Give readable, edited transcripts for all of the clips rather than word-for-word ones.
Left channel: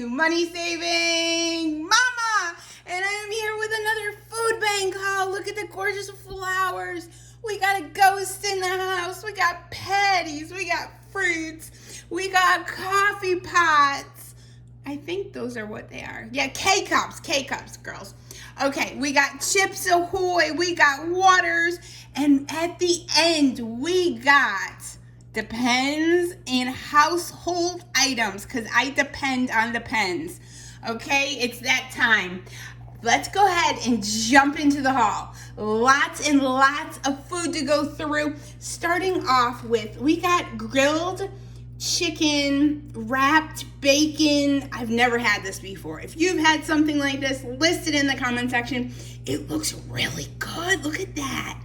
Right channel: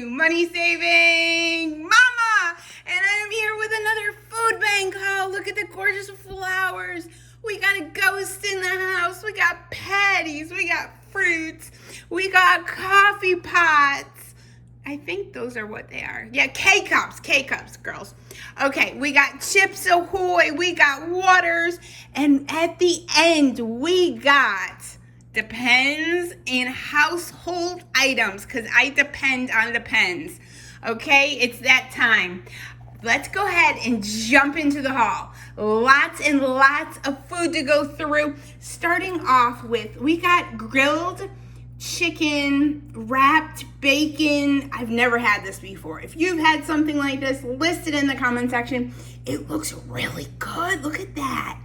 you, money saving mama, and I'm here with another food bank haul. Look at the gorgeous flowers. We got a ghost in the house. We got patties. We got fruits. We got coffee pots. I think those are what they are. Yeah, K-cups, girls. Okay, we got Chips Ahoy. We got waters. And at the end, we got depends and household items, because I depend on depends. Okay, it's that time. Let's go ahead and jump into the haul. Lots and lots of food to go through. Starting off with, we got grilled chicken, wrapped bacon. I've never had this before. If you've had something like this, list it in the comment section. It looks really good. Look at that.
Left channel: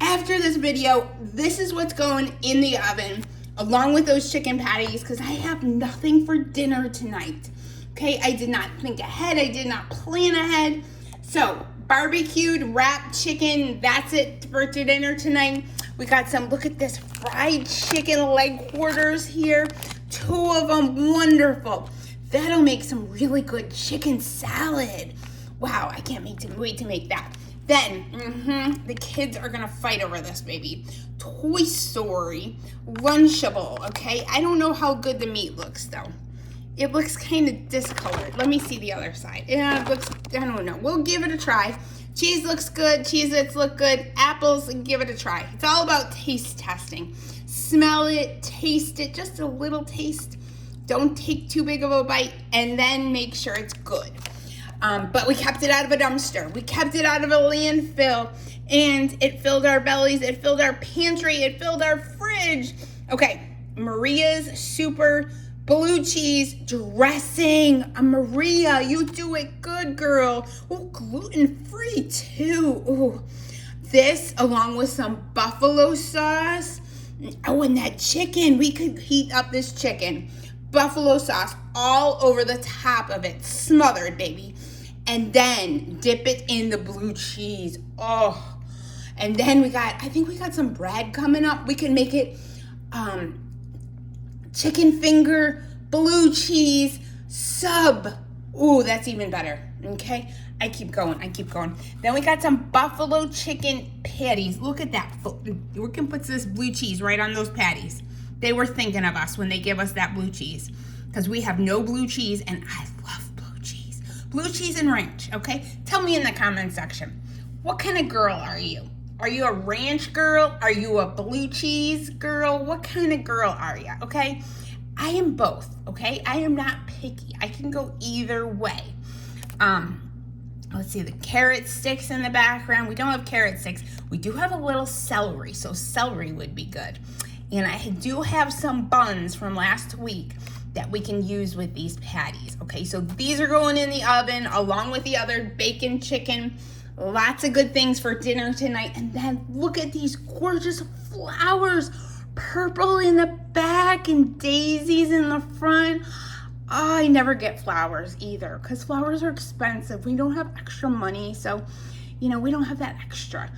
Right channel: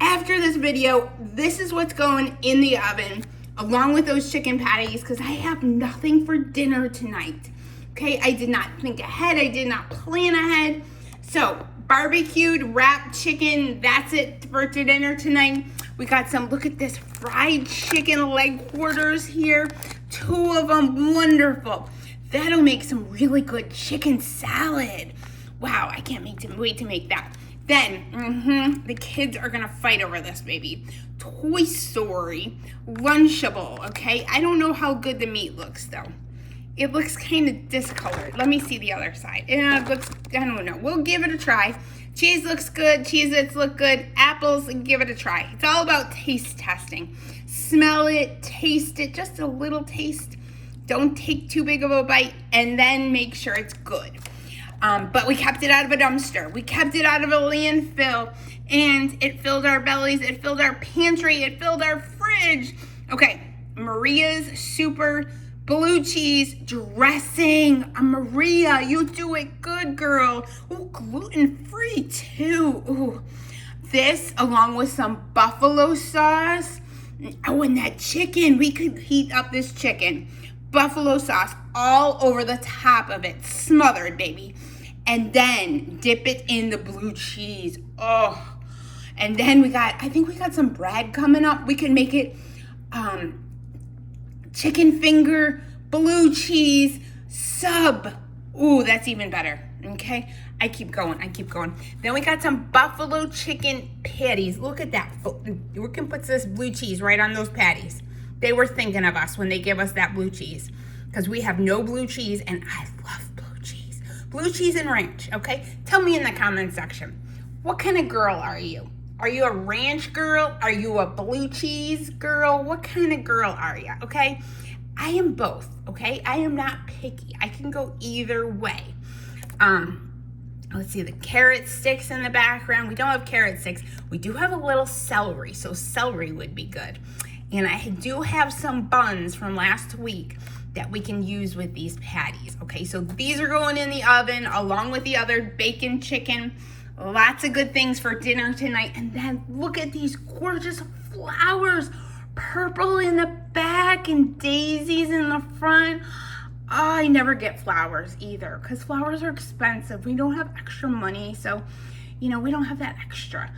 After this video, this is what's going in the oven, along with those chicken patties, because I have nothing for dinner tonight. Okay, I did not think ahead. I did not plan ahead. So, barbecued wrapped chicken, that's it for dinner tonight. We got some, look at this, fried chicken leg quarters here. 2 of them, wonderful. That'll make some really good chicken salad. Wow, I can't wait to make that. Then, the kids are gonna fight over this, baby. Toy Story, Lunchable, okay? I don't know how good the meat looks, though. It looks kind of discolored. Let me see the other side. Yeah, it looks, I don't know. We'll give it a try. Cheese looks good. Cheez-Its look good. Apples, give it a try. It's all about taste testing. Smell it, taste it, just a little taste. Don't take too big of a bite, and then make sure it's good. But we kept it out of a dumpster. We kept it out of a landfill, and it filled our bellies. It filled our pantry. It filled our fridge. Okay, Maria's super blue cheese dressing. Maria, you do it good, girl. Oh, gluten-free too. Oh, this along with some buffalo sauce. Oh, and that chicken. We could heat up this chicken. Buffalo sauce all over the top of it. Smothered, baby. And then dip it in the blue cheese. Oh, and then I think we got some bread coming up. We can make it chicken finger, blue cheese, sub. Ooh, that's even better, okay? I keep going. Then we got some buffalo chicken patties. Look at that. We can put this blue cheese right on those patties. They were thinking of us when they give us that blue cheese, because we have no blue cheese, and I love blue cheese. Blue cheese and ranch, okay? Tell me in the comment section, what kind of girl are you? Are you a ranch girl? Are you a blue cheese girl? What kind of girl are you, okay? I am both, okay? I am not picky. I can go either way. Let's see, the carrot sticks in the background. We don't have carrot sticks. We do have a little celery, so celery would be good. And I do have some buns from last week that we can use with these patties, okay? So these are going in the oven along with the other bacon, chicken. Lots of good things for dinner tonight. And then look at these gorgeous flowers. Purple in the back and daisies in the front. Oh, I never get flowers either, because flowers are expensive. We don't have extra money, so, we don't have that extra.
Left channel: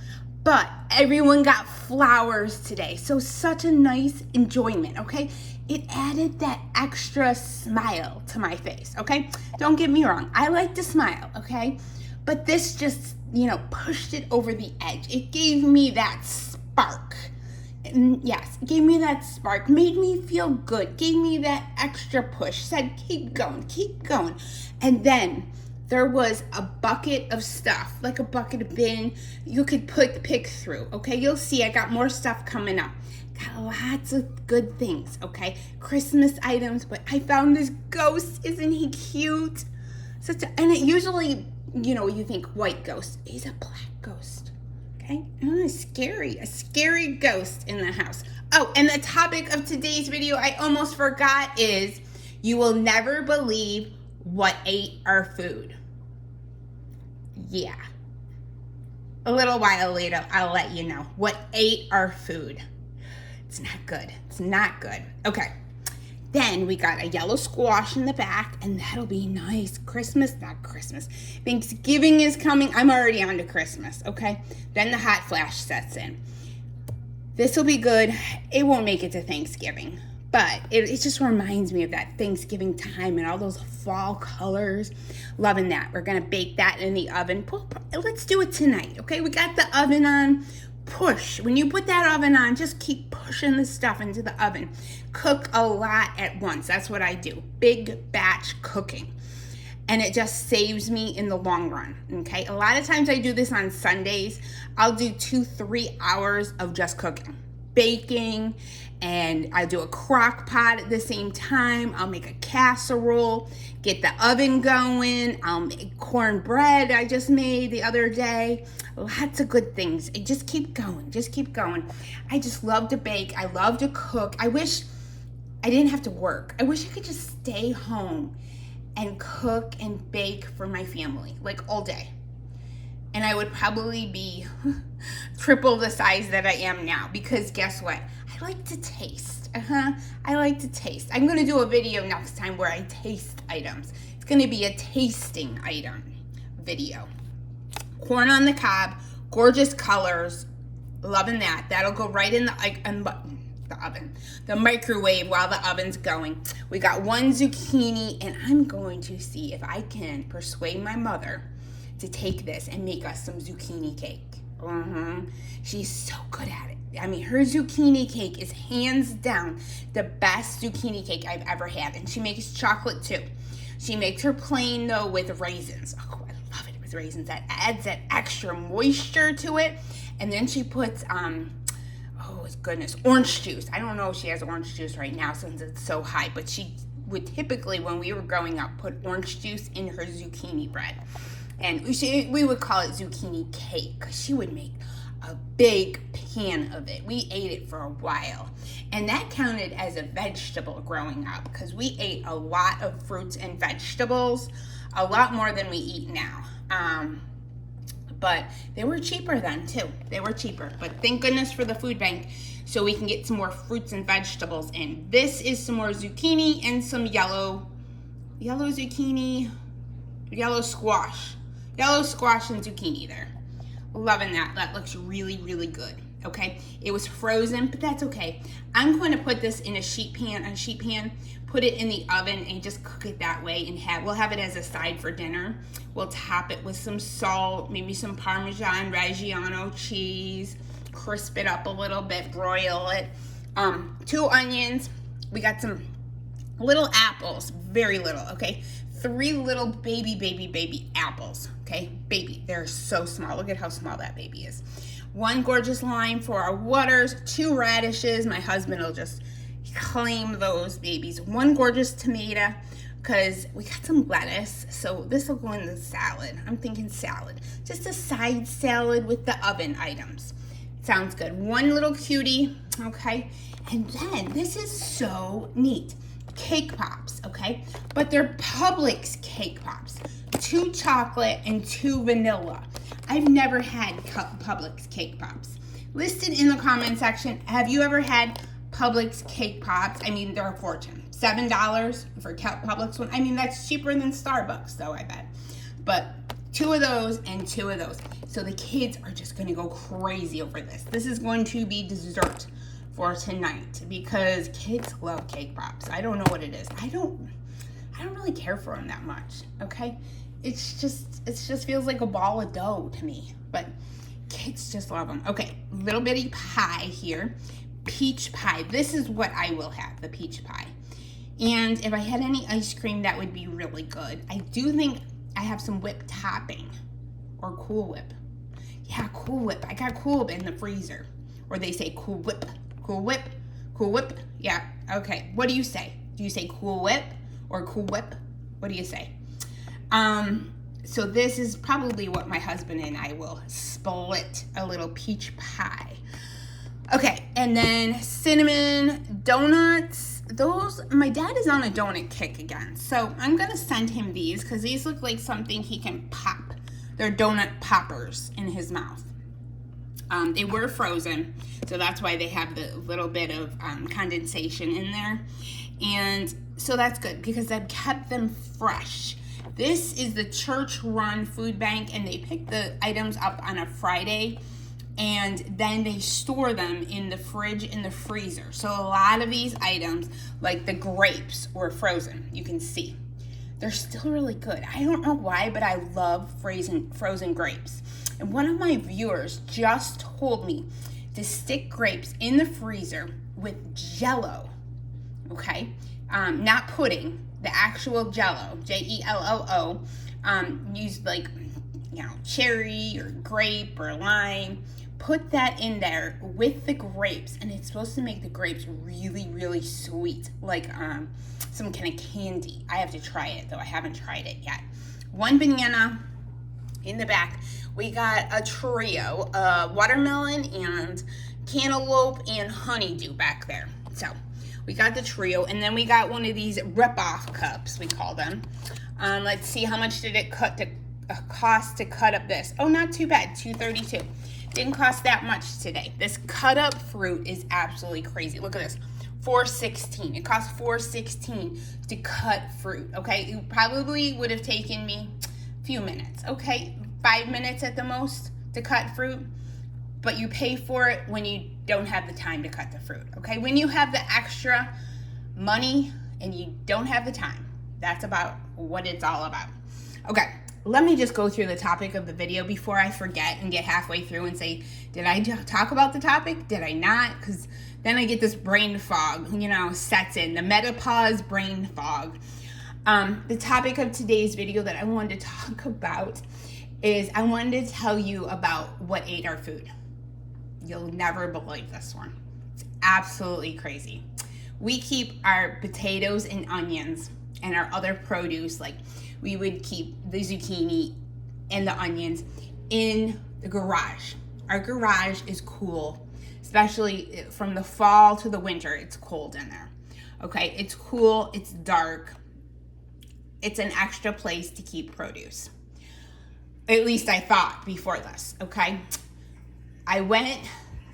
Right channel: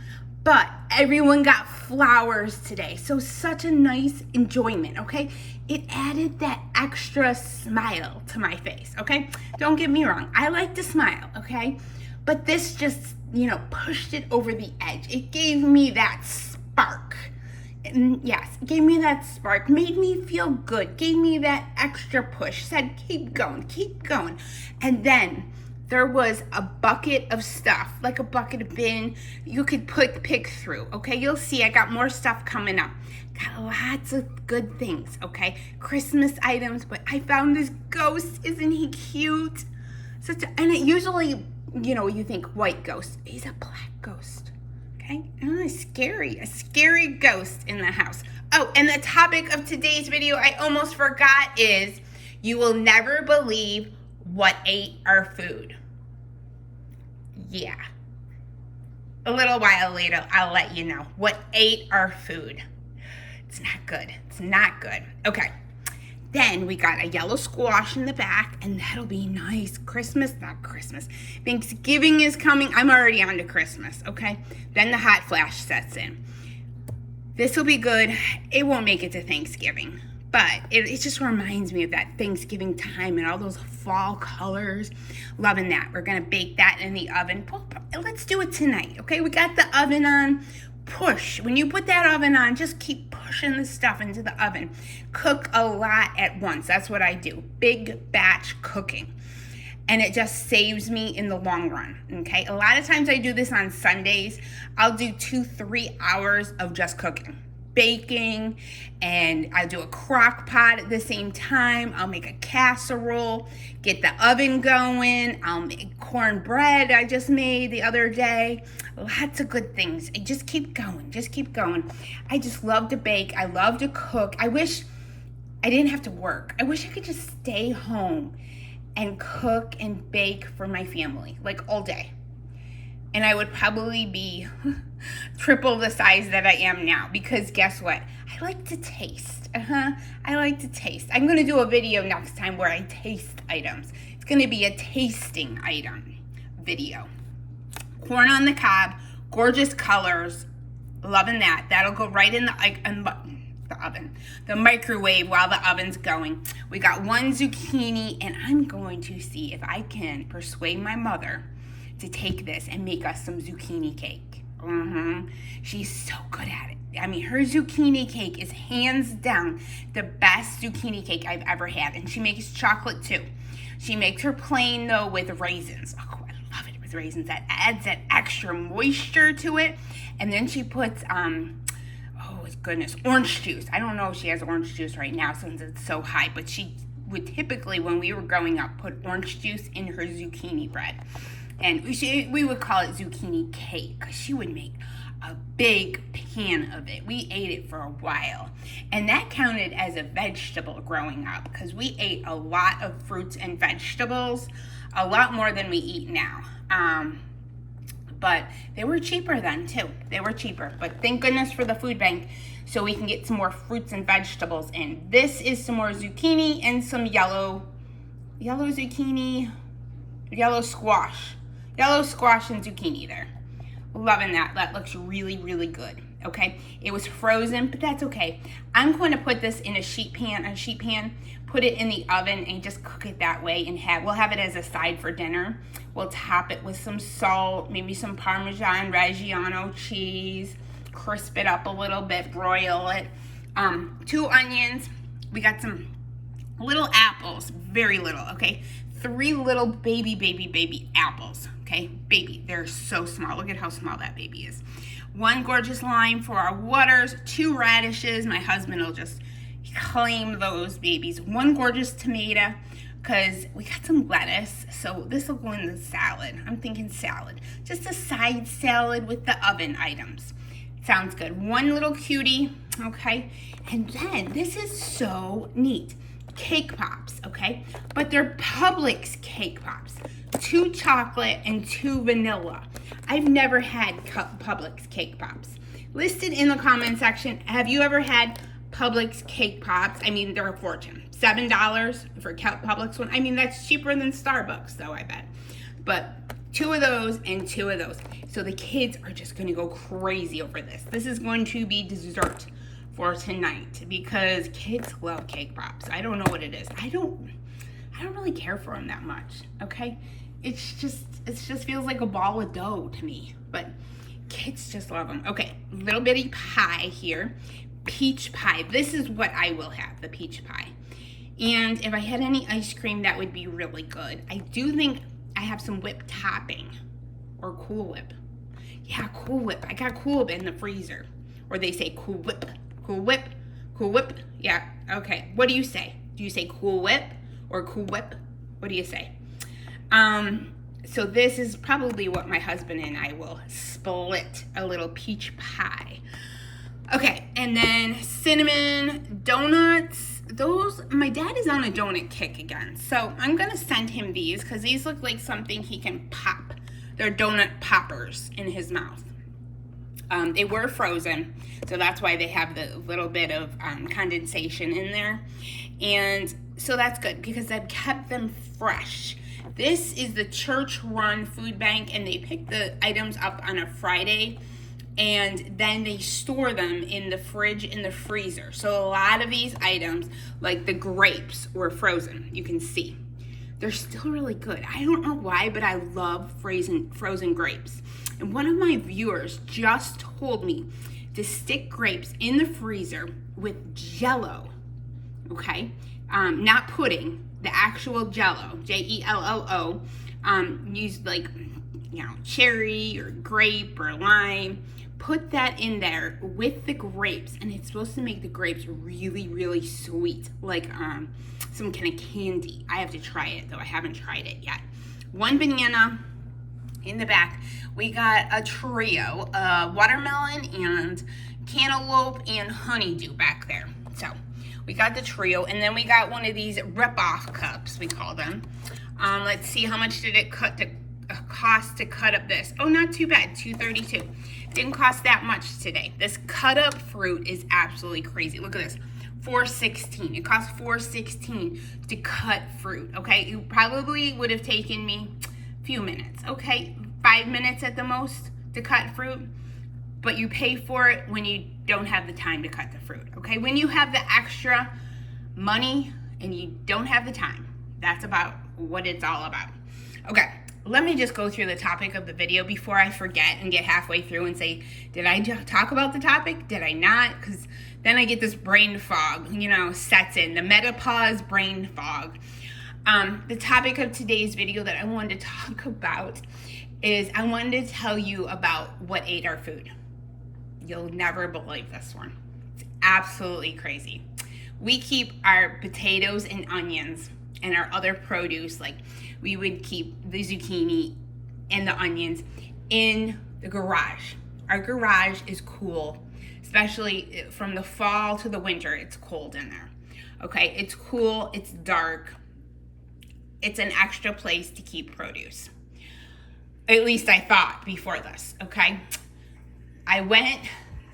But everyone got flowers today, so such a nice enjoyment, okay? It added that extra smile to my face, okay? Don't get me wrong, I like to smile, okay? But this just, pushed it over the edge. It gave me that spark. And yes, gave me that spark, made me feel good, gave me that extra push, said keep going. And then there was a bucket of stuff, like a bucket of bin you could pick through, okay? You'll see I got more stuff coming up. Got lots of good things, okay? Christmas items, but I found this ghost. Isn't he cute? And it usually, you think white ghost. He's a black ghost. Okay, a scary ghost in the house. Oh, and the topic of today's video, I almost forgot, is you will never believe what ate our food. Yeah. A little while later, I'll let you know what ate our food. It's not good. Okay. Then we got a yellow squash in the back, and that'll be nice. Not Christmas. Thanksgiving is coming. I'm already on to Christmas, okay? Then the hot flash sets in. This will be good. It won't make it to Thanksgiving, But it just reminds me of that Thanksgiving time and all those fall colors. Loving that. We're going to bake that in the oven. Let's do it tonight, okay? We got the oven on. Push. When you put that oven on, just keep pushing the stuff into the oven. Cook a lot at once. That's what I do. Big batch cooking. And it just saves me in the long run, okay? A lot of times I do this on Sundays. I'll do 2-3 hours of just cooking. Baking, and I'll do a crock pot at the same time. I'll make a casserole, get the oven going. I'll make cornbread I just made the other day. Lots of good things. I just keep going, just keep going. I just love to bake. I love to cook. I wish I didn't have to work. I wish I could just stay home and cook and bake for my family, like all day. And I would probably be triple the size that I am now, because guess what? I like to taste. I like to taste. I'm going to do a video next time where I taste items. It's going to be a tasting item video. Corn on the cob, gorgeous colors. Loving that. That'll go right in the microwave while the oven's going. We got one zucchini, and I'm going to see if I can persuade my mother to take this and make us some zucchini cake. She's so good at it. I mean, her zucchini cake is hands down the best zucchini cake I've ever had. And she makes chocolate too. She makes her plain though with raisins. Oh, I love it with raisins. That adds that extra moisture to it. And then she puts, oh goodness, orange juice. I don't know if she has orange juice right now since it's so high, but she would typically, when we were growing up, put orange juice in her zucchini bread. And we would call it zucchini cake, because she would make a big pan of it. We ate it for a while. And that counted as a vegetable growing up, because we ate a lot of fruits and vegetables, a lot more than we eat now. But they were cheaper then too. They were cheaper. But thank goodness for the food bank, so we can get some more fruits and vegetables in. This is some more zucchini and some yellow zucchini, yellow squash and zucchini there. Loving that. That looks really, really good. Okay, it was frozen, but that's okay. I'm going to put this in a sheet pan, put it in the oven, and just cook it that way. And we'll have it as a side for dinner. We'll top it with some salt, maybe some Parmesan Reggiano cheese, crisp it up a little bit, broil it. 2 onions. We got some little apples, very little. Okay, 3 little baby apples. Okay, baby, they're so small. Look at how small that baby is. 1 gorgeous lime for our waters, 2 radishes. My husband will just claim those babies. 1 gorgeous tomato, because we got some lettuce, so this will go in the salad. I'm thinking salad, just a side salad with the oven items. Sounds good. 1 little cutie, okay? And then this is so neat. Cake pops, okay? But they're Publix cake pops. 2 chocolate and 2 vanilla. I've never had Publix cake pops. Listed in the comment section, have you ever had Publix cake pops? I mean, they're a fortune. $7 for Publix one. I mean, that's cheaper than Starbucks though, I bet. But 2 of those and 2 of those. So the kids are just gonna go crazy over this. This is going to be dessert for tonight, because kids love cake pops. I don't know what it is. I don't really care for them that much, okay? It just feels like a ball of dough to me, but kids just love them. Okay, little bitty pie here, peach pie. This is what I will have, the peach pie. And if I had any ice cream, that would be really good. I do think I have some whipped topping, or Cool Whip. Yeah, Cool Whip. I got Cool Whip in the freezer, or they say Cool Whip. Cool Whip, Cool Whip. Yeah, okay. What do you say? Do you say Cool Whip or Cool Whip? What do you say? So this is probably what my husband and I will split, a little peach pie. Okay, and then cinnamon donuts. Those, my dad is on a donut kick again. So I'm gonna send him these, because these look like something he can pop. They're donut poppers in his mouth. They were frozen, so that's why they have the little bit of condensation in there. And so that's good, because I've kept them fresh. This is the church-run food bank, and they pick the items up on a Friday. and then they store them in the fridge and the freezer. So a lot of these items, like the grapes, were frozen. You can see they're still really good. I don't know why, but I love frozen grapes. And one of my viewers just told me to stick grapes in the freezer with Jell-O, okay? Not pudding, the actual Jell-O, Jello. Use like, cherry or grape or lime. Put that in there with the grapes, and it's supposed to make the grapes really, really sweet, like some kind of candy. I have to try it, though I haven't tried it yet. 1 banana. In the back, we got a trio, watermelon and cantaloupe and honeydew back there. So we got the trio, and then we got one of these rip-off cups, we call them. Let's see, how much did it cost to cut up this? Oh, not too bad, $2.32. Didn't cost that much today. This cut up fruit is absolutely crazy. Look at this, $4.16. It costs $4.16 to cut fruit, okay? It probably would have taken me a few minutes, okay? 5 minutes at the most to cut fruit, but you pay for it when you don't have the time to cut the fruit, okay? When you have the extra money and you don't have the time, that's about what it's all about. Okay, let me just go through the topic of the video before I forget and get halfway through and say, did I talk about the topic? Did I not? Because then I get this brain fog, sets in, the menopause brain fog. The topic of today's video that I wanted to talk about is I wanted to tell you about what ate our food. You'll never believe this one. It's absolutely crazy. We keep our potatoes and onions and our other produce, like we would keep the zucchini and the onions in the garage. Our garage is cool, especially from the fall to the winter. It's cold in there, okay? It's cool, it's dark. It's an extra place to keep produce. At least I thought before this, okay? I went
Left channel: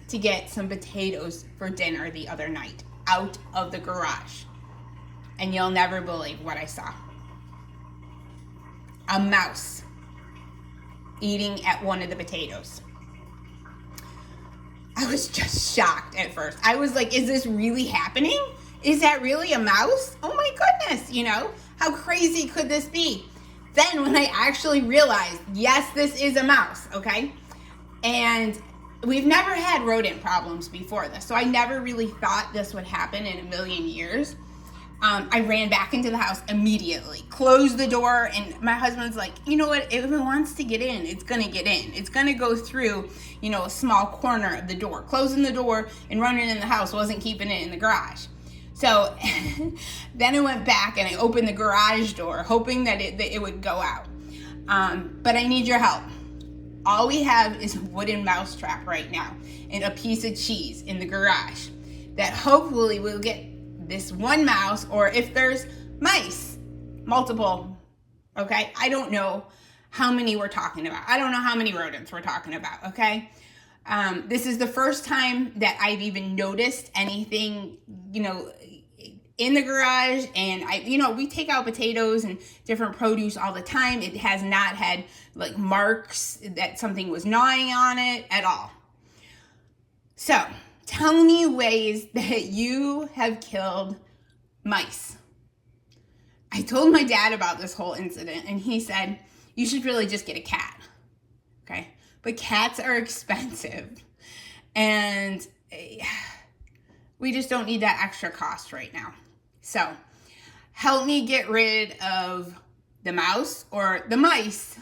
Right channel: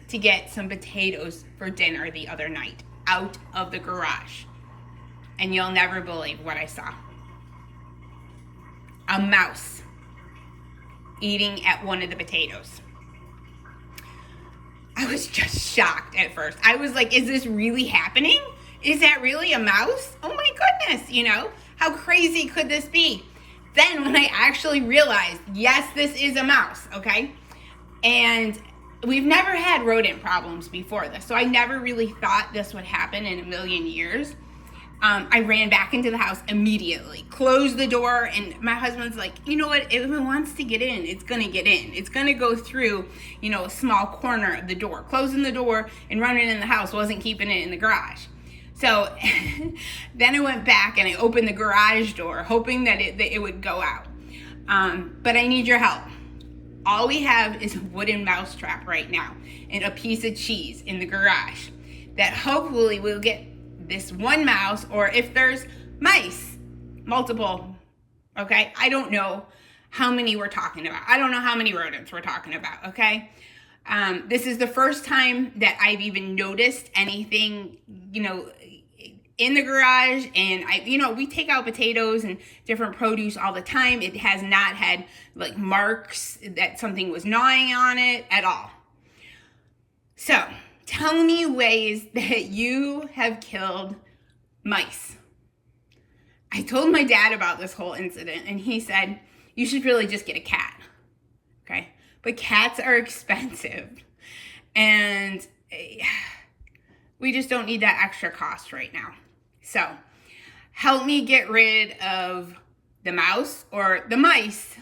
to get some potatoes for dinner the other night out of the garage. And you'll never believe what I saw. A mouse eating at one of the potatoes. I was just shocked at first. I was like, is this really happening? Is that really a mouse? Oh my goodness, how crazy could this be? Then when I actually realized, yes, this is a mouse, okay? And we've never had rodent problems before this, so I never really thought this would happen in a million years. I ran back into the house immediately, closed the door, and my husband's like, you know what, if it wants to get in, it's gonna get in. It's gonna go through, a small corner of the door. Closing the door and running in the house wasn't keeping it in the garage. So then I went back and I opened the garage door, hoping that it would go out. But I need your help. All we have is a wooden mouse trap right now and a piece of cheese in the garage that hopefully will get this one mouse, or if there's mice, multiple, okay? I don't know how many we're talking about. I don't know how many rodents we're talking about, okay? This is the first time that I've even noticed anything, in the garage, and we take out potatoes and different produce all the time. It has not had like marks that something was gnawing on it at all. So tell me ways that you have killed mice. I told my dad about this whole incident, and he said, you should really just get a cat, okay? But cats are expensive, and we just don't need that extra cost right now. So help me get rid of the mouse or the mice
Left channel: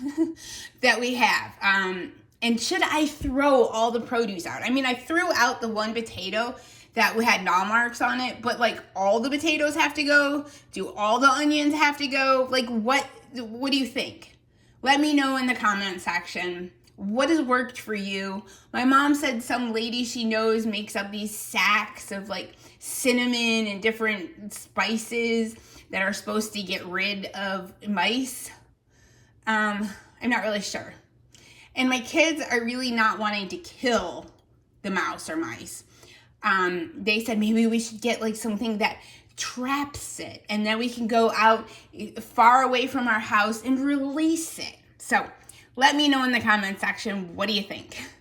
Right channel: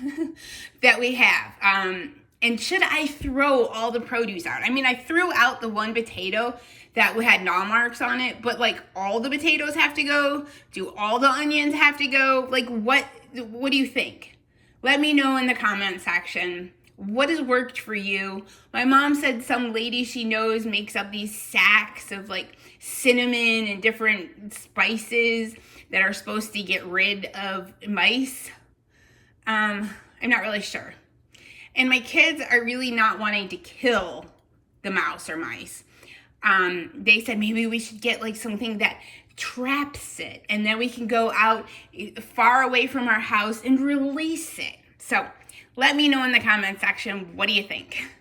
that we have. And should I throw all the produce out? I mean, I threw out the one potato that had gnaw marks on it, but like all the potatoes have to go? Do all the onions have to go? Like what do you think? Let me know in the comment section. What has worked for you? My mom said some lady she knows makes up these sacks of like cinnamon and different spices that are supposed to get rid of mice. I'm not really sure. And my kids are really not wanting to kill the mouse or mice. They said maybe we should get like something that traps it, and then we can go out far away from our house and release it. So let me know in the comment section, what do you think?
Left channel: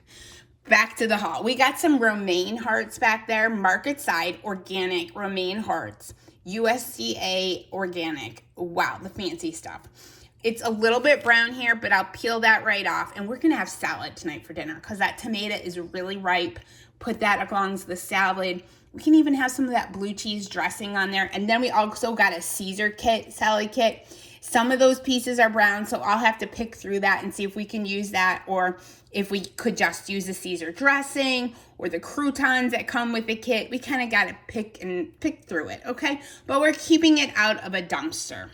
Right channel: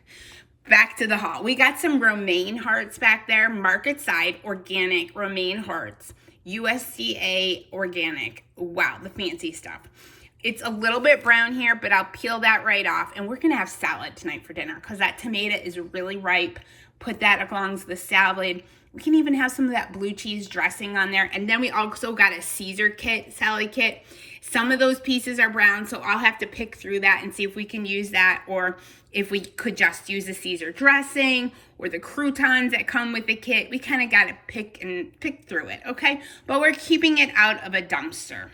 Back to the haul. We got some romaine hearts back there, market side, organic romaine hearts, USDA organic. Wow, the fancy stuff. It's a little bit brown here, but I'll peel that right off. And we're gonna have salad tonight for dinner because that tomato is really ripe. Put that along the salad. We can even have some of that blue cheese dressing on there. And then we also got a Caesar kit, salad kit. Some of those pieces are brown, so I'll have to pick through that and see if we can use that, or if we could just use the Caesar dressing or the croutons that come with the kit. We kind of got to pick through it, okay? But we're keeping it out of a dumpster.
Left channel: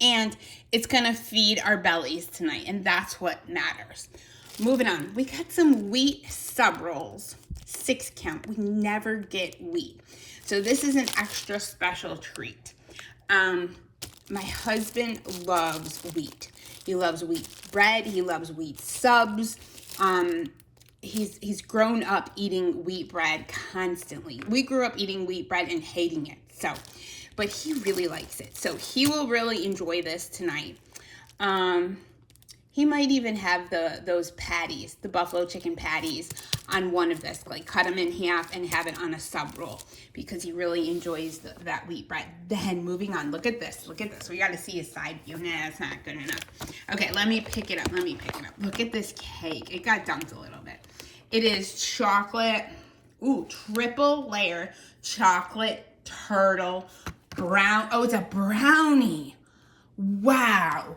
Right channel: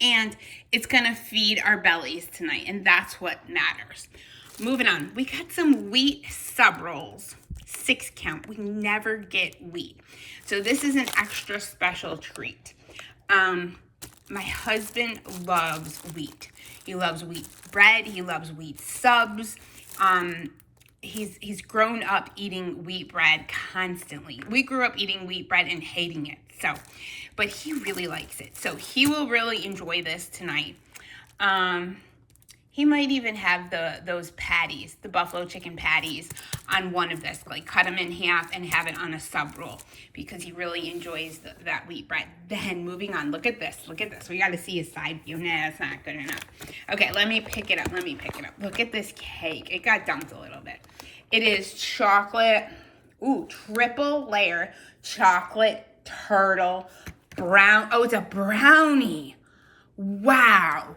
And it's going to feed our bellies tonight, and that's what matters. Moving on, we got some wheat sub rolls, 6 count. We never get wheat. So this is an extra special treat. My husband loves wheat. He loves wheat bread. He loves wheat subs. He's grown up eating wheat bread constantly. We grew up eating wheat bread and hating it. But he really likes it. So he will really enjoy this tonight. He might even have those patties, the buffalo chicken patties, on one of this, like cut them in half and have it on a sub roll because he really enjoys that wheat bread. Then moving on, look at this. We got to see his side view. Nah, that's not good enough. Okay, let me pick it up. Look at this cake. It got dumped a little bit. It is chocolate, triple layer chocolate turtle brown. Oh, it's a brownie. Wow.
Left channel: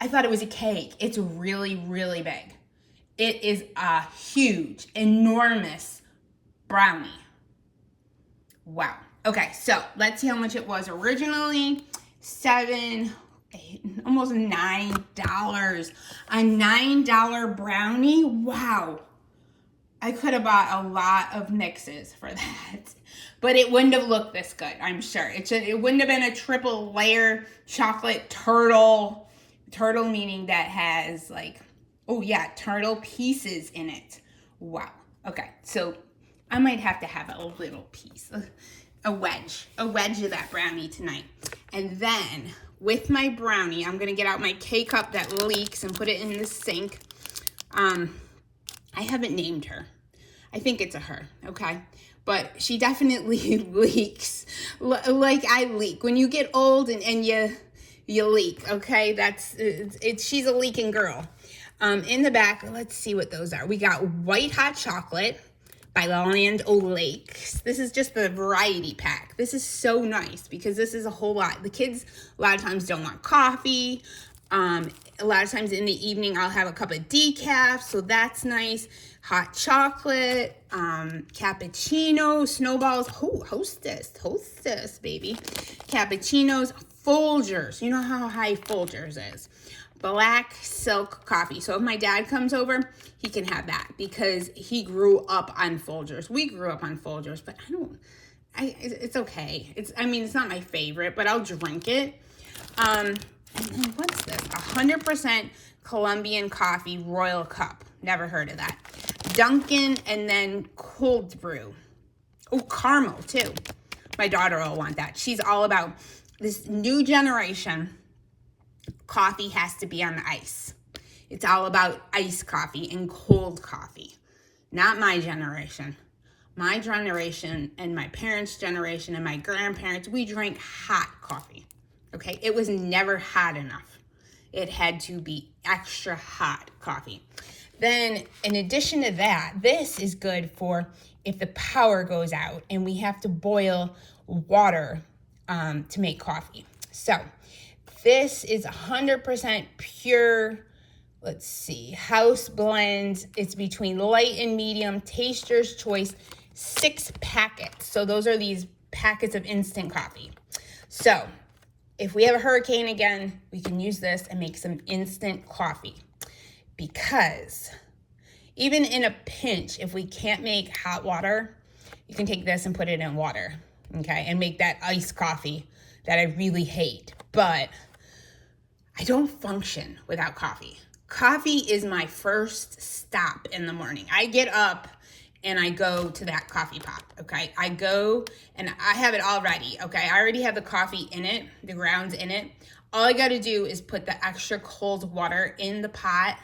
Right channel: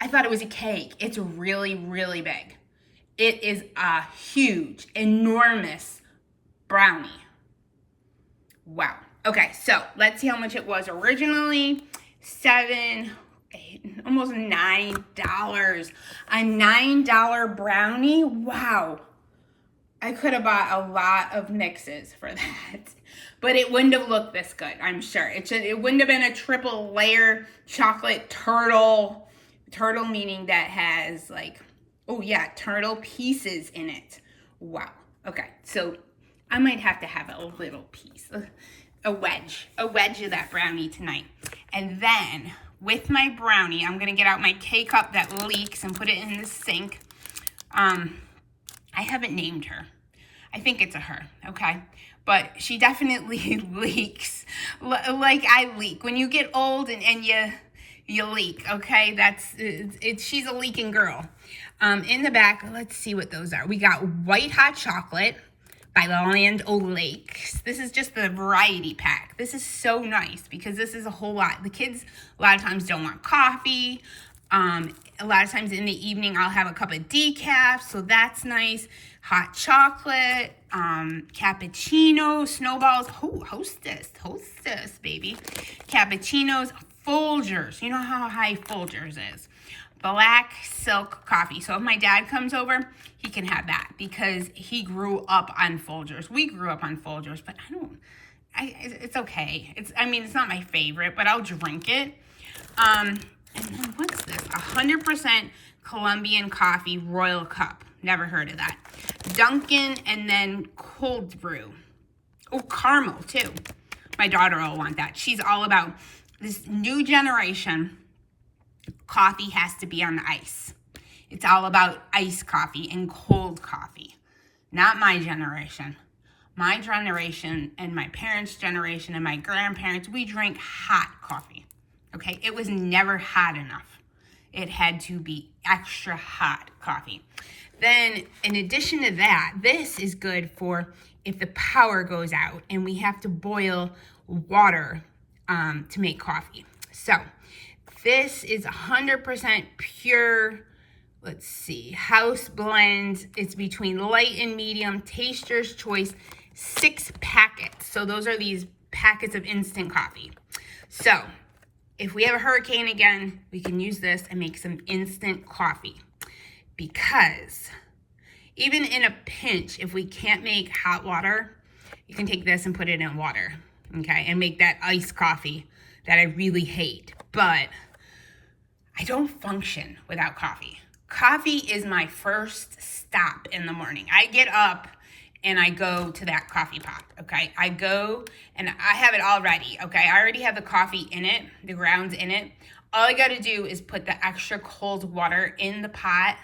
I thought it was a cake. It's really, really big. It is a huge, enormous brownie. Wow. Okay, so let's see how much it was originally. $7, $8, almost $9. A $9 brownie. Wow. I could have bought a lot of mixes for that. But it wouldn't have looked this good, I'm sure. It wouldn't have been a triple layer chocolate turtle. Turtle meaning that has like, turtle pieces in it. Wow. Okay, so I might have to have a little piece, a wedge of that brownie tonight. And then with my brownie, I'm gonna get out my K-cup that leaks and put it in the sink. I haven't named her. I think it's a her, okay? But she definitely leaks like I leak. When you get old and you leak, okay? She's a leaking girl. In the back, let's see what those are. We got white hot chocolate by Land O'Lakes. This is just the variety pack. This is so nice because this is a whole lot. The kids a lot of times don't want coffee. A lot of times in the evening, I'll have a cup of decaf, so that's nice. Hot chocolate, cappuccino, snowballs. Hostess, baby. Cappuccinos, Folgers. You know how high Folgers is. Black silk coffee. So if my dad comes over, he can have that because he grew up on Folgers. We grew up on Folgers, but it's okay. It's not my favorite, but I'll drink it. And then what's this? 100% Colombian coffee Royal Cup. Never heard of that. Dunkin' and then cold brew. Oh, caramel too. My daughter will want that. She's all about this new generation. Coffee has to be on the ice. It's all about iced coffee and cold coffee. Not my generation. My generation and my parents' generation and my grandparents, we drank hot coffee. Okay, it was never hot enough. It had to be extra hot coffee. Then, in addition to that, this is good for if the power goes out and we have to boil water to make coffee. So, this is 100% pure, let's see, house blend. It's between light and medium, taster's choice, 6 packets. So, those are these packets of instant coffee. So, if we have a hurricane again, we can use this and make some instant coffee. Because even in a pinch, if we can't make hot water, you can take this and put it in water, okay? And make that iced coffee that I really hate. But I don't function without coffee. Coffee is my first stop in the morning. I get up and I go to that coffee pot, okay? I go and I have it all ready, okay? I already have the coffee in it, the grounds in it. All I gotta do is put the extra cold water in the pot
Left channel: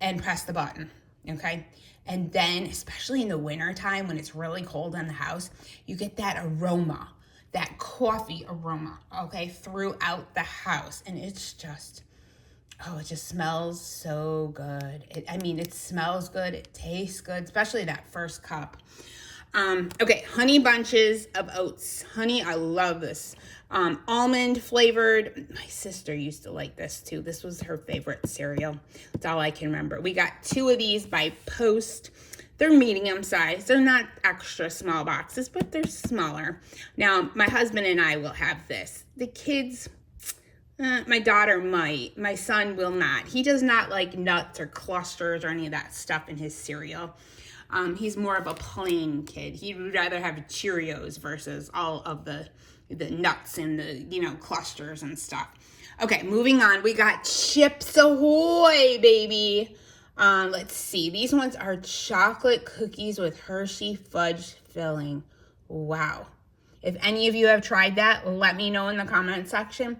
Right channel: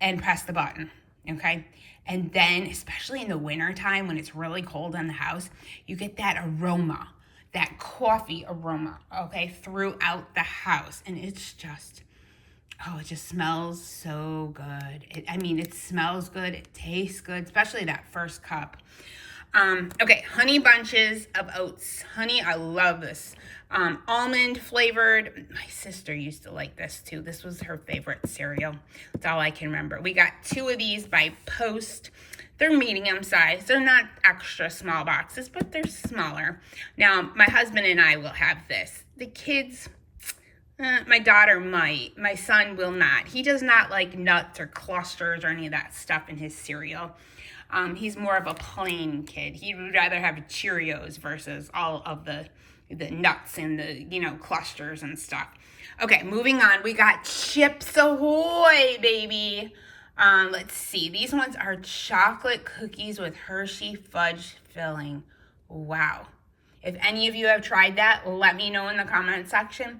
and press the button, okay? And then, especially in the winter time when it's really cold in the house, you get that aroma, that coffee aroma, okay, throughout the house. And it's just, oh, it just smells so good. It smells good. It tastes good, especially that first cup. Okay, honey bunches of oats. Honey, I love this. Almond flavored. My sister used to like this too. This was her favorite cereal. That's all I can remember. We got 2 of these by Post. They're medium size. They're not extra small boxes, but they're smaller. Now, my husband and I will have this. The kids, my daughter might. My son will not. He does not like nuts or clusters or any of that stuff in his cereal. He's more of a plain kid. He would rather have Cheerios versus all of the nuts and the, clusters and stuff. Okay, moving on. We got Chips Ahoy, baby. Let's see. These ones are chocolate cookies with Hershey fudge filling. Wow. If any of you have tried that, let me know in the comment section.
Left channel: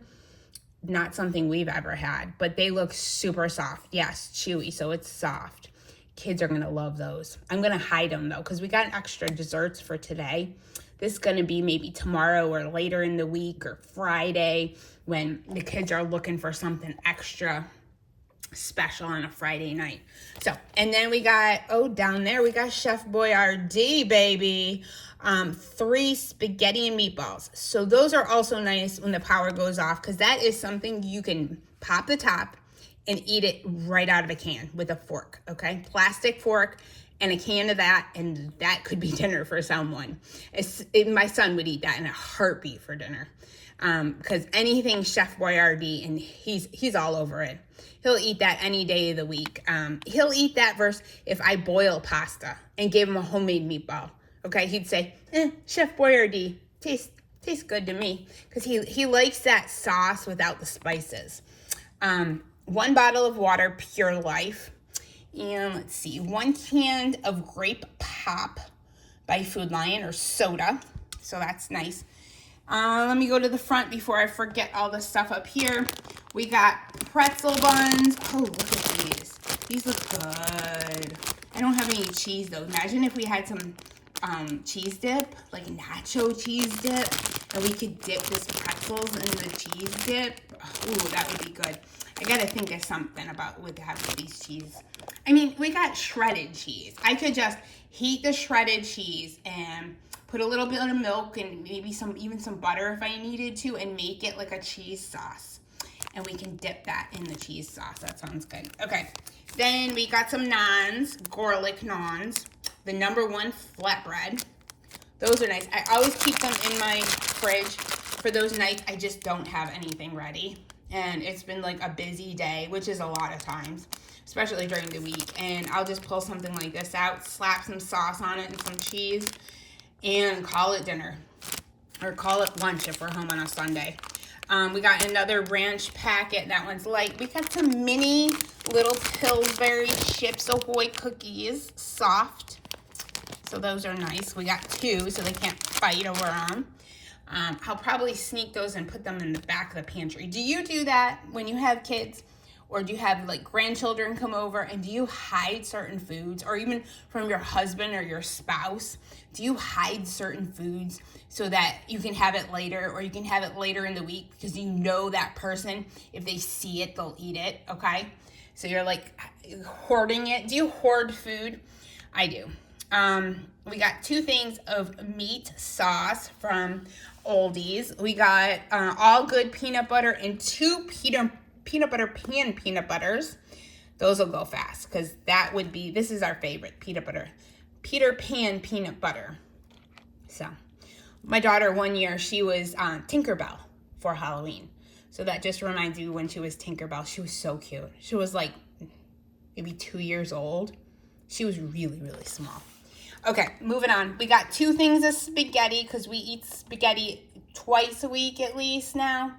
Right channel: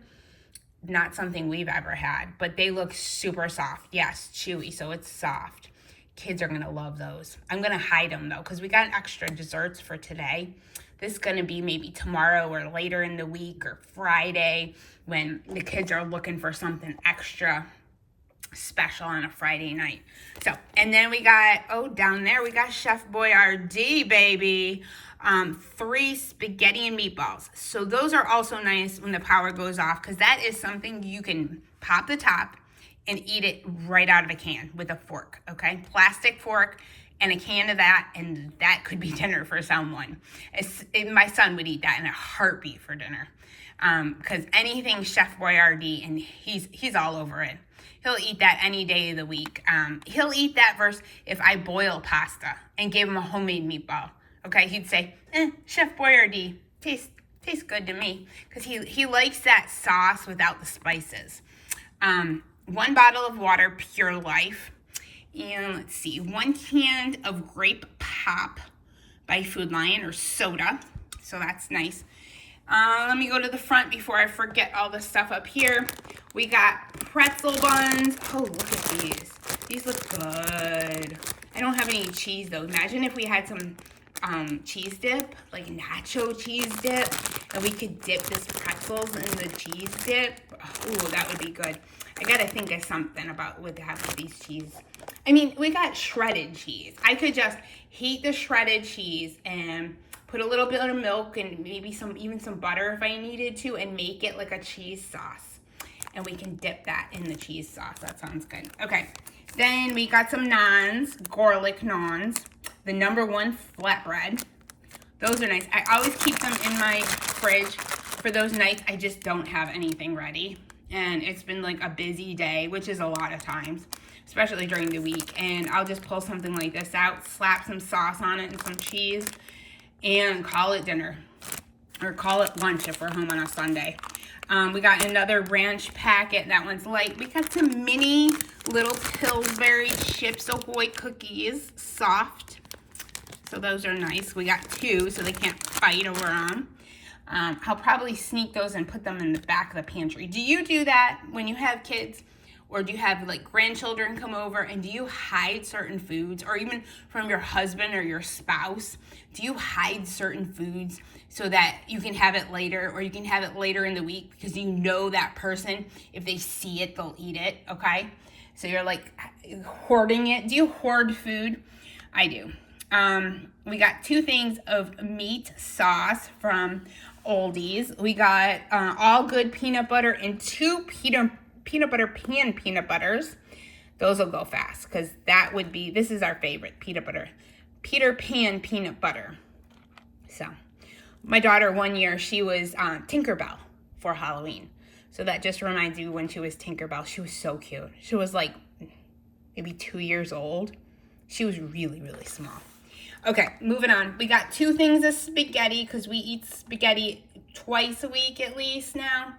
Not something we've ever had, but they look super soft. Yes, chewy, so it's soft. Kids are going to love those. I'm going to hide them, though, because we got extra desserts for today. This is going to be maybe tomorrow or later in the week or Friday when the kids are looking for something extra special on a Friday night. So, and then we got, down there, we got Chef Boyardee, baby. 3 spaghetti and meatballs. So those are also nice when the power goes off because that is something you can pop the top and eat it right out of a can with a fork, okay? Plastic fork and a can of that, and that could be dinner for someone. My son would eat that in a heartbeat for dinner because anything Chef Boyardee, and he's all over it. He'll eat that any day of the week. He'll eat that versus if I boil pasta and gave him a homemade meatball, okay? He'd say, Chef Boyardee, tastes good to me because he likes that sauce without the spices. 1 bottle of water, Pure Life. And let's see, 1 can of grape pop by Food Lion or soda. So that's nice. Let me go to the front before I forget all the stuff up here. We got pretzel buns. Oh, look at these. These look good. I don't have any cheese though. Imagine if we had some cheese dip, like nacho cheese dip, and we could dip this pretzels in the cheese dip. Ooh, that would be good. I gotta think of something about with having these cheese. We got shredded cheese. I could just heat the shredded cheese and put a little bit of milk and maybe even some butter if I needed to and make it like a cheese sauce. And we can dip that in the cheese sauce. That sounds good. Okay, then we got some naans, garlic naans. The #1 flatbread. Those are nice. I always keep them in my fridge for those nights I just don't have anything ready. And it's been like a busy day, which is a lot of times, especially during the week. And I'll just pull something like this out, slap some sauce on it and some cheese, and call it dinner. Or call it lunch if we're home on a Sunday. We got another ranch packet. That one's light. We got some mini little Pillsbury Chips Ahoy cookies, soft. So those are nice. We got 2, so they can't fight over them. I'll probably sneak those and put them in the back of the pantry. Do you do that when you have kids? Or do you have like grandchildren come over and do you hide certain foods? Or even from your husband or your spouse, do you hide certain foods so that you can have it later, or you can have it later in the week because you know that person, if they see it, they'll eat it, okay? So you're like hoarding it. Do you hoard food? I do. We got 2 things of meat sauce from Oldies. We got all good peanut butter and 2 peanut butter pan peanut butters. Those will go fast because this is our favorite Peter Pan peanut butter. So my daughter, one year, she was Tinkerbell for Halloween. So that just reminds you when she was Tinkerbell. She was so cute. She was like maybe 2 years old. She was really, really small. Okay, moving on. We got 2 things of spaghetti because we eat spaghetti twice a week at least now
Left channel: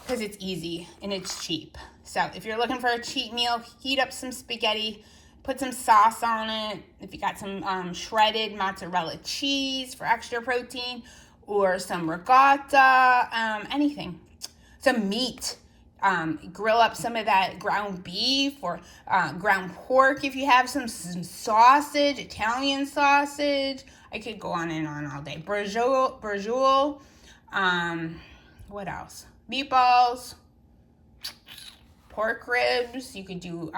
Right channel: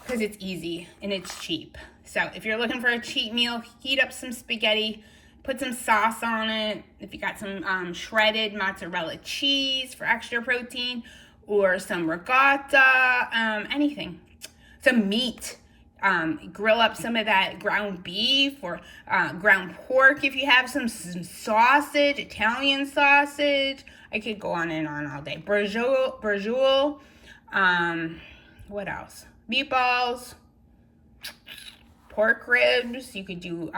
because it's easy and it's cheap. So if you're looking for a cheap meal, heat up some spaghetti, put some sauce on it. If you got some shredded mozzarella cheese for extra protein or some ricotta, anything. Some meat. grill up some of that ground beef or ground pork if you have some sausage, Italian sausage. I could go on and on all day. Braciole, what else? Meatballs, pork ribs. You could do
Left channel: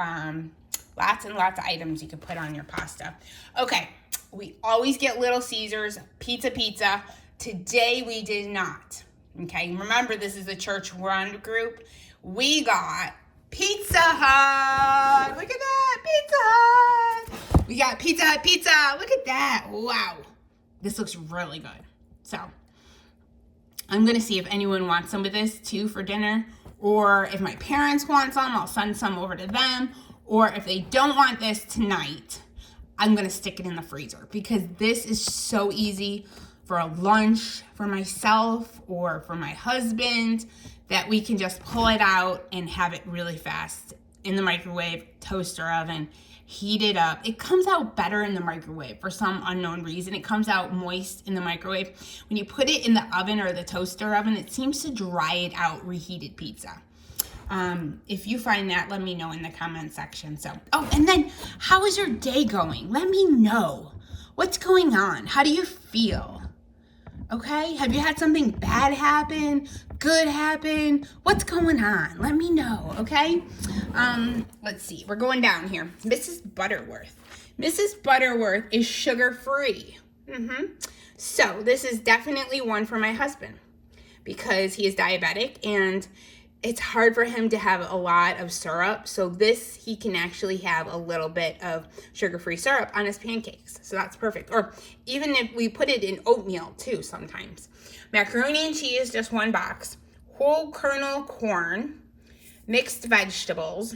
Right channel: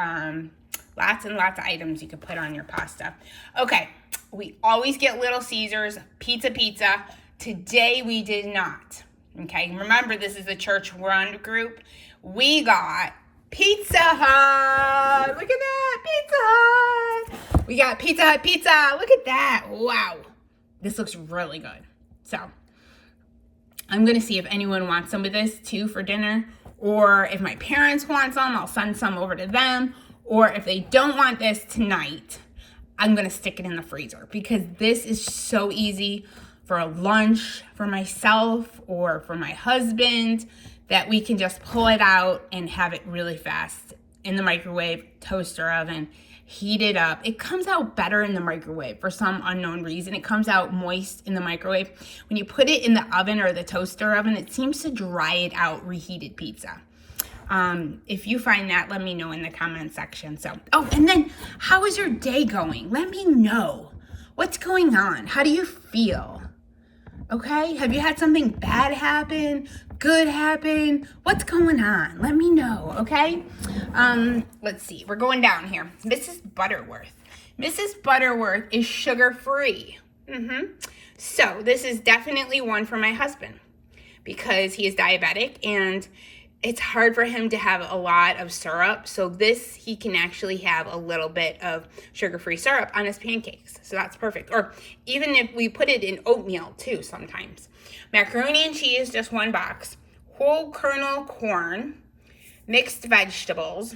lots and lots of items you could put on your pasta. Okay, we always get Little Caesars, pizza. Today we did not. Okay, remember this is a church-run group. We got Pizza Hut. Look at that, Pizza Hut. We got Pizza Hut pizza. Look at that. Wow, this looks really good. So I'm gonna see if anyone wants some of this too for dinner, or if my parents want some, I'll send some over to them. Or if they don't want this tonight, I'm gonna stick it in the freezer because this is so easy for a lunch for myself or for my husband that we can just pull it out and have it really fast in the microwave, toaster oven, heat it up. It comes out better in the microwave for some unknown reason. It comes out moist in the microwave. When you put it in the oven or the toaster oven, it seems to dry it out, reheated pizza. If you find that, let me know in the comment section. So, oh, and then how is your day going? Let me know. What's going on? How do you feel? Okay, have you had something bad happen, good happen? What's going on? Let me know, okay? Let's see, we're going down here. Mrs. Butterworth. Mrs. Butterworth is sugar-free. So this is definitely one for my husband because he is diabetic and it's hard for him to have a lot of syrup. So this, he can actually have a little bit of sugar-free syrup on his pancakes. So that's perfect. Or even if we put it in oatmeal too sometimes. Macaroni and cheese, just one box. Whole kernel corn, mixed vegetables.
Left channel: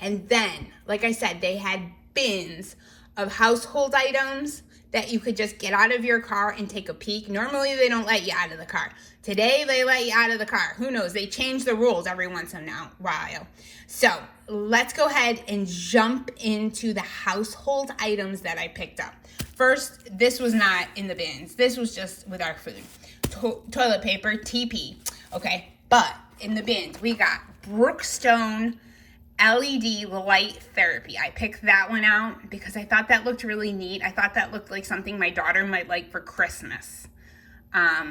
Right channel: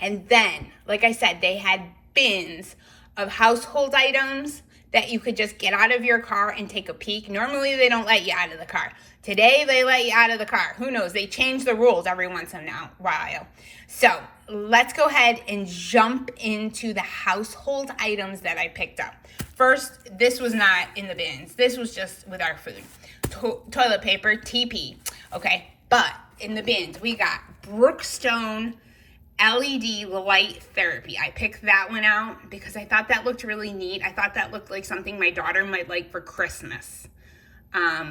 And then, like I said, they had bins of household items that you could just get out of your car and take a peek. Normally, they don't let you out of the car. Today, they let you out of the car. Who knows? They change the rules every once in a while. So let's go ahead and jump into the household items that I picked up. First, this was not in the bins. This was just with our food. Toilet paper, TP. Okay, but in the bins, we got Brookstone LED light therapy. I picked that one out because I thought that looked really neat. I thought that looked like something my daughter might like for Christmas.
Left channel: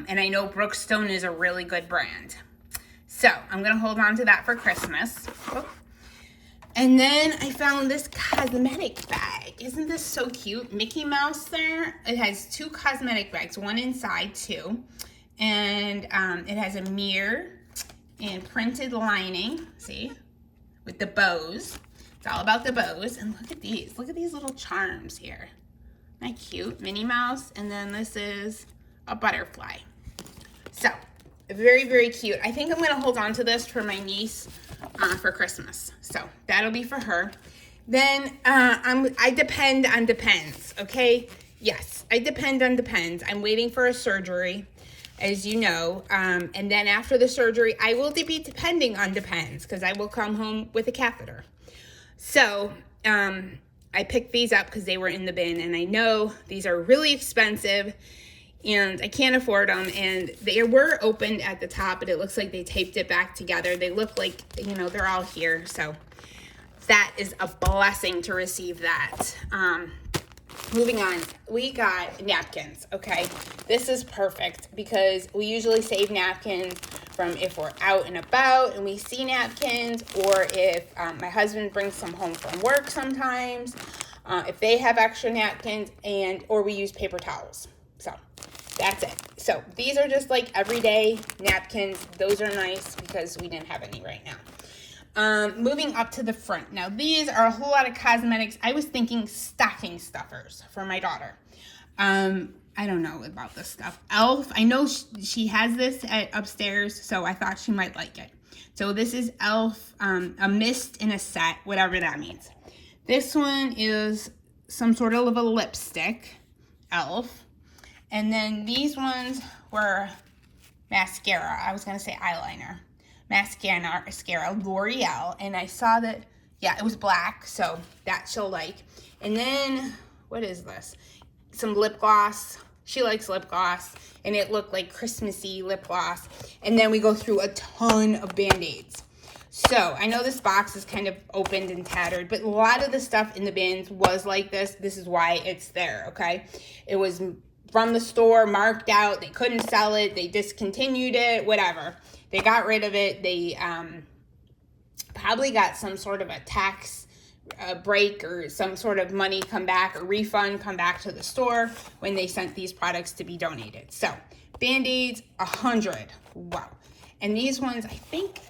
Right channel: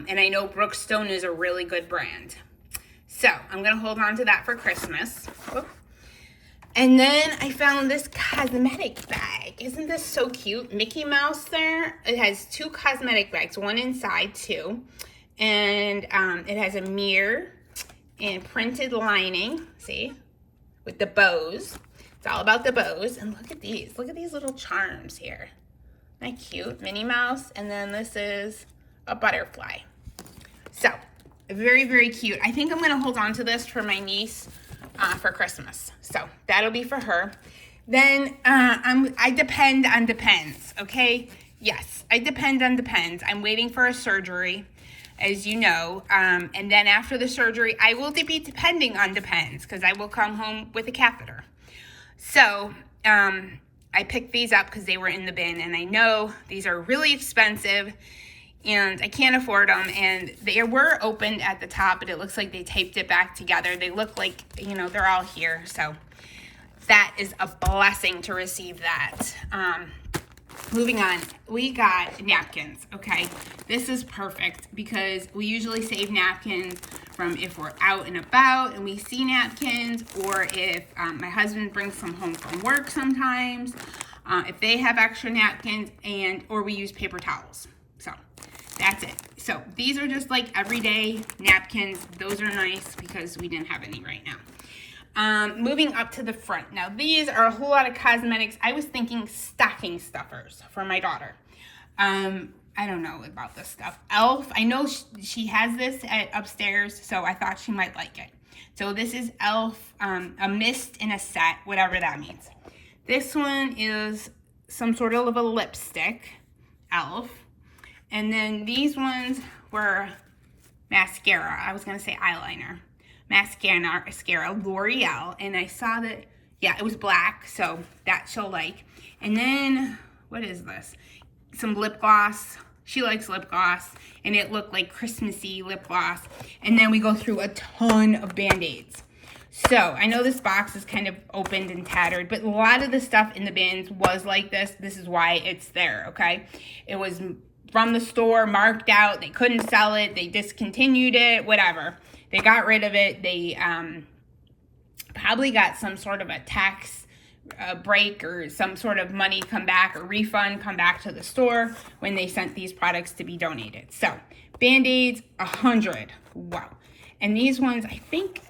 And I know Brookstone is a really good brand. So I'm going to hold on to that for Christmas. And then I found this cosmetic bag. Isn't this so cute? Mickey Mouse there. It has two cosmetic bags, one inside too. And it has a mirror and printed lining. See? With the bows. It's all about the bows. And look at these. Look at these little charms here. Isn't that cute? Minnie Mouse. And then this is a butterfly. So, very, very cute. I think I'm going to hold on to this for my niece for Christmas. So, that'll be for her. Then, I depend on Depends, okay? Yes, I depend on Depends. I'm waiting for a surgery, as you know. And then after the surgery, I will be depending on Depends because I will come home with a catheter. So, I picked these up because they were in the bin. And I know these are really expensive and I can't afford them. And they were opened at the top, but it looks like they taped it back together. They look like, you know, they're all here. So that is a blessing to receive that. Moving on, we got napkins, okay? This is perfect because we usually save napkins from if we're out and about and we see napkins, or if my husband brings some home from work sometimes, if they have extra napkins, or we use paper towels. So that's it. So these are just like everyday napkins. Those are nice because we didn't have any right now. Moving up to the front. Now, these are a whole lot of cosmetics. I was thinking stocking stuffers for my daughter. I don't know about this stuff. Elf, I know she has this upstairs, so I thought she might like it. So this is Elf, a mist in a set, whatever that means. This one is some sort of a lipstick, Elf. And then these ones were mascara. I was going to say eyeliner. Mascara, L'Oreal, and I saw that, yeah, it was black, so that she'll like. And then, what is this? Some lip gloss. She likes lip gloss, and it looked like Christmassy lip gloss. And then we go through a ton of Band-Aids. So I know this box is kind of opened and tattered, but a lot of the stuff in the bins was like this. This is why it's there, okay? It was from the store, marked out. They couldn't sell it. They discontinued it, whatever. They got rid of it. They probably got some sort of a tax break or some sort of money come back, or refund come back to the store when they sent these products to be donated. So Band-Aids, 100. Wow. And these ones, I think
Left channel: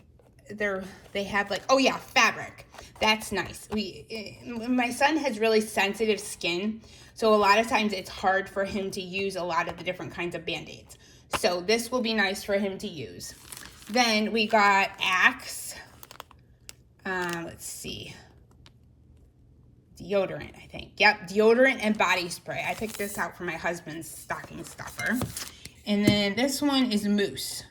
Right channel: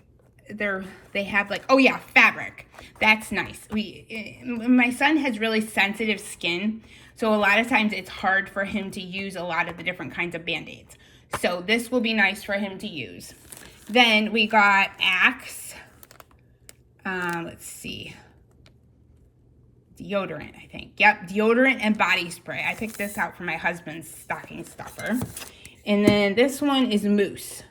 they have like, oh yeah, fabric. That's nice. My son has really sensitive skin, so a lot of times it's hard for him to use a lot of the different kinds of Band-Aids. So this will be nice for him to use. Then we got Axe. Let's see. Deodorant, I think. Yep, deodorant and body spray. I picked this out for my husband's stocking stuffer. And then this one is mousse.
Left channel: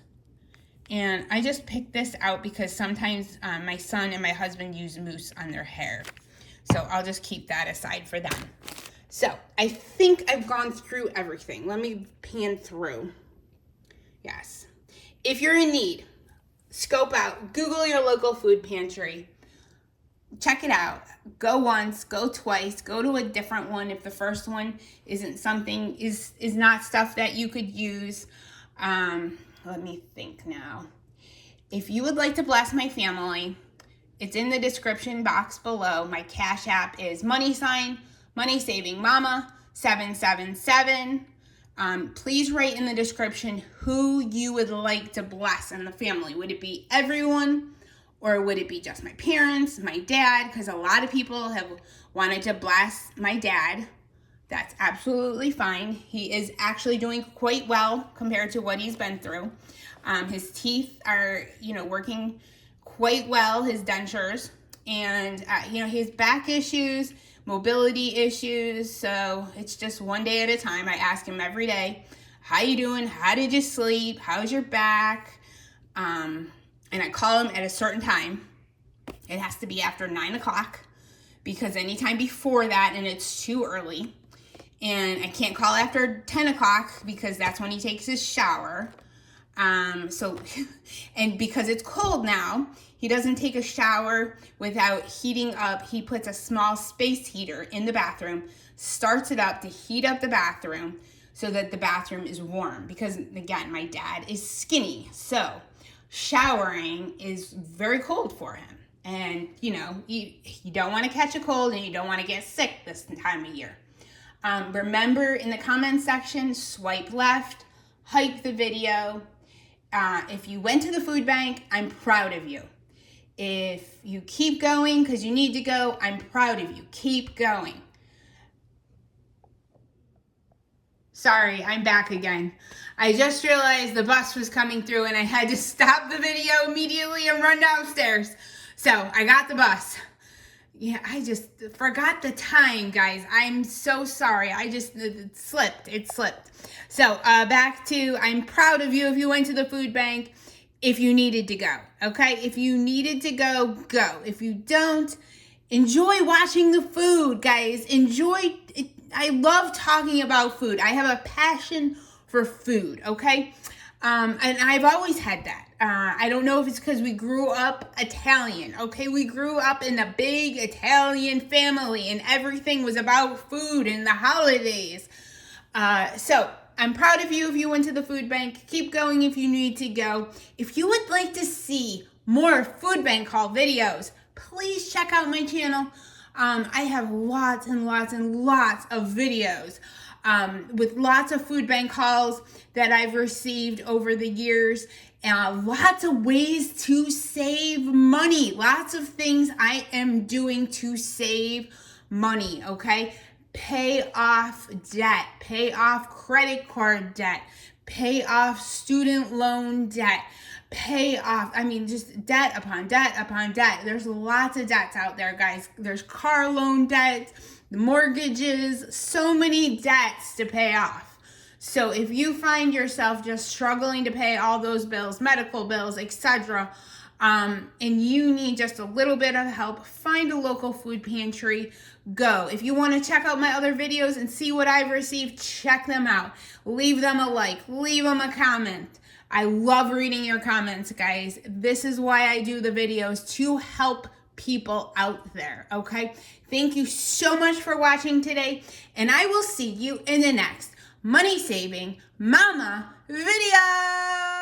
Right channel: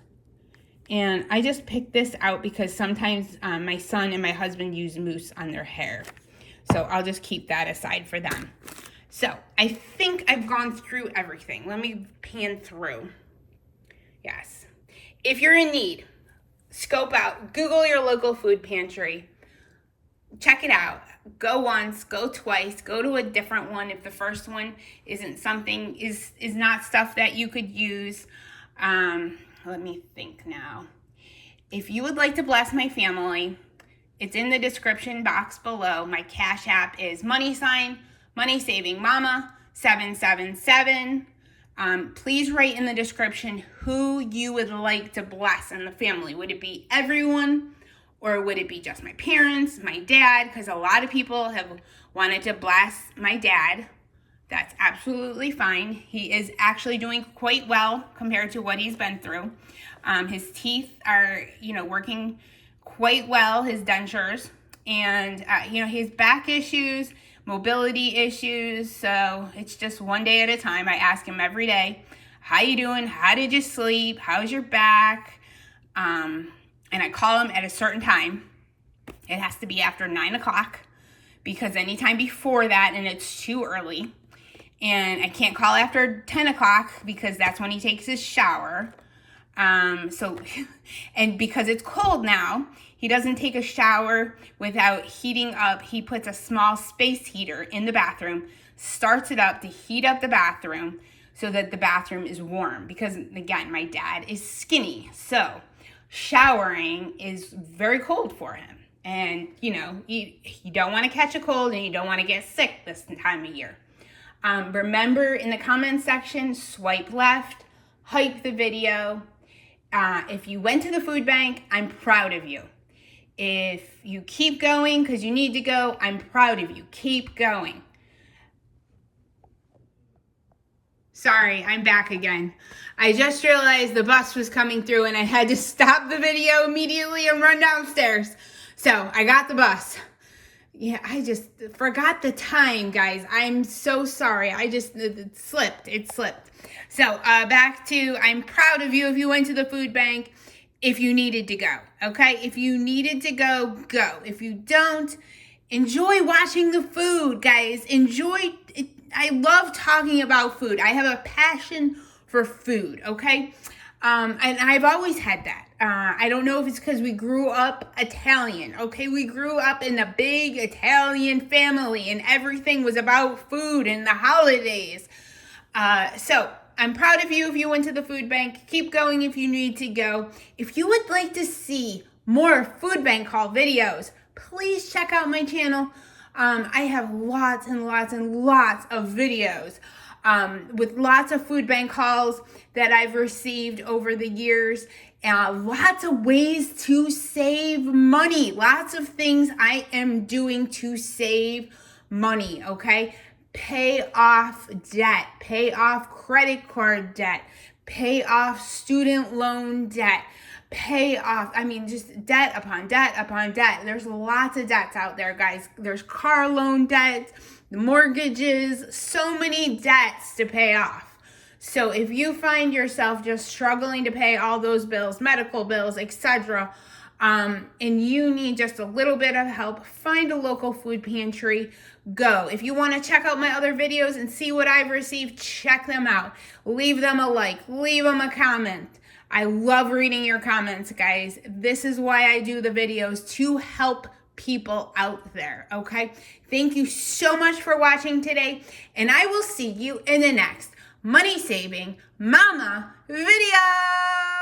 And I just picked this out because sometimes my son and my husband use mousse on their hair. So I'll just keep that aside for them. So I think I've gone through everything. Let me pan through. Yes. If you're in need, scope out, Google your local food pantry. Check it out. Go once, go twice, go to a different one if the first one isn't something, is not stuff that you could use. Let me think now. If you would like to bless my family, it's in the description box below. My Cash App is #MoneySavingMama 777. Please write in the description who you would like to bless in the family. Would it be everyone? Or would it be just my parents, my dad? Because a lot of people have wanted to bless my dad. That's absolutely fine. He is actually doing quite well compared to what he's been through. His teeth are, working quite well, his dentures. And, his back issues, mobility issues. So it's just one day at a time. I ask him every day, how you doing? How did you sleep? How's your back? And I call him at a certain time. It has to be after 9 o'clock because anytime before that, and it's too early. And I can't call after 10 o'clock because that's when he takes his shower. And because it's cold now, he doesn't take a shower without heating up. He puts a small space heater in the bathroom, starts it up to heat up the bathroom so that the bathroom is warm. Because again, my dad is skinny, so showering is very cold for him. And, you don't want to catch a cold and you don't want to get sick this time of year. Remember, in the comments section, swipe left, hype the video. If you went to the food bank, I'm proud of you. If you keep going because you need to go, I'm proud of you. Keep going. Sorry, I'm back again. I just realized the bus was coming through and I had to stop the video immediately and run downstairs. So I got the bus. Yeah, I just forgot the time, guys. I'm so sorry. It slipped. So back to, I'm proud of you if you went to the food bank, if you needed to go, okay? If you needed to go, go. If you don't, enjoy watching the food, guys. Enjoy it. I love talking about food. I have a passion for food, okay? And I've always had that. I don't know if it's because we grew up Italian, okay? We grew up in a big Italian family and everything was about food and the holidays. So I'm proud of you if you went to the food bank. Keep going if you need to go. If you would like to see more food bank haul videos, please check out my channel. I have lots and lots and lots of videos with lots of food bank hauls that I've received over the years. Lots of ways to save money. Lots of things I am doing to save money, okay? Pay off debt, pay off credit card debt, pay off student loan debt, pay off, just debt upon debt upon debt. There's lots of debts out there, guys. There's car loan debt, mortgages, so many debts to pay off. So if you find yourself just struggling to pay all those bills, medical bills, etc., and you need just a little bit of help, find a local food pantry. Go. If you want to check out my other videos and see what I've received, check them out. Leave them a like, leave them a comment. I love reading your comments, guys. This is why I do the videos, to help people out there, okay? Thank you so much for watching today, and I will see you in the next Money Saving Mama video.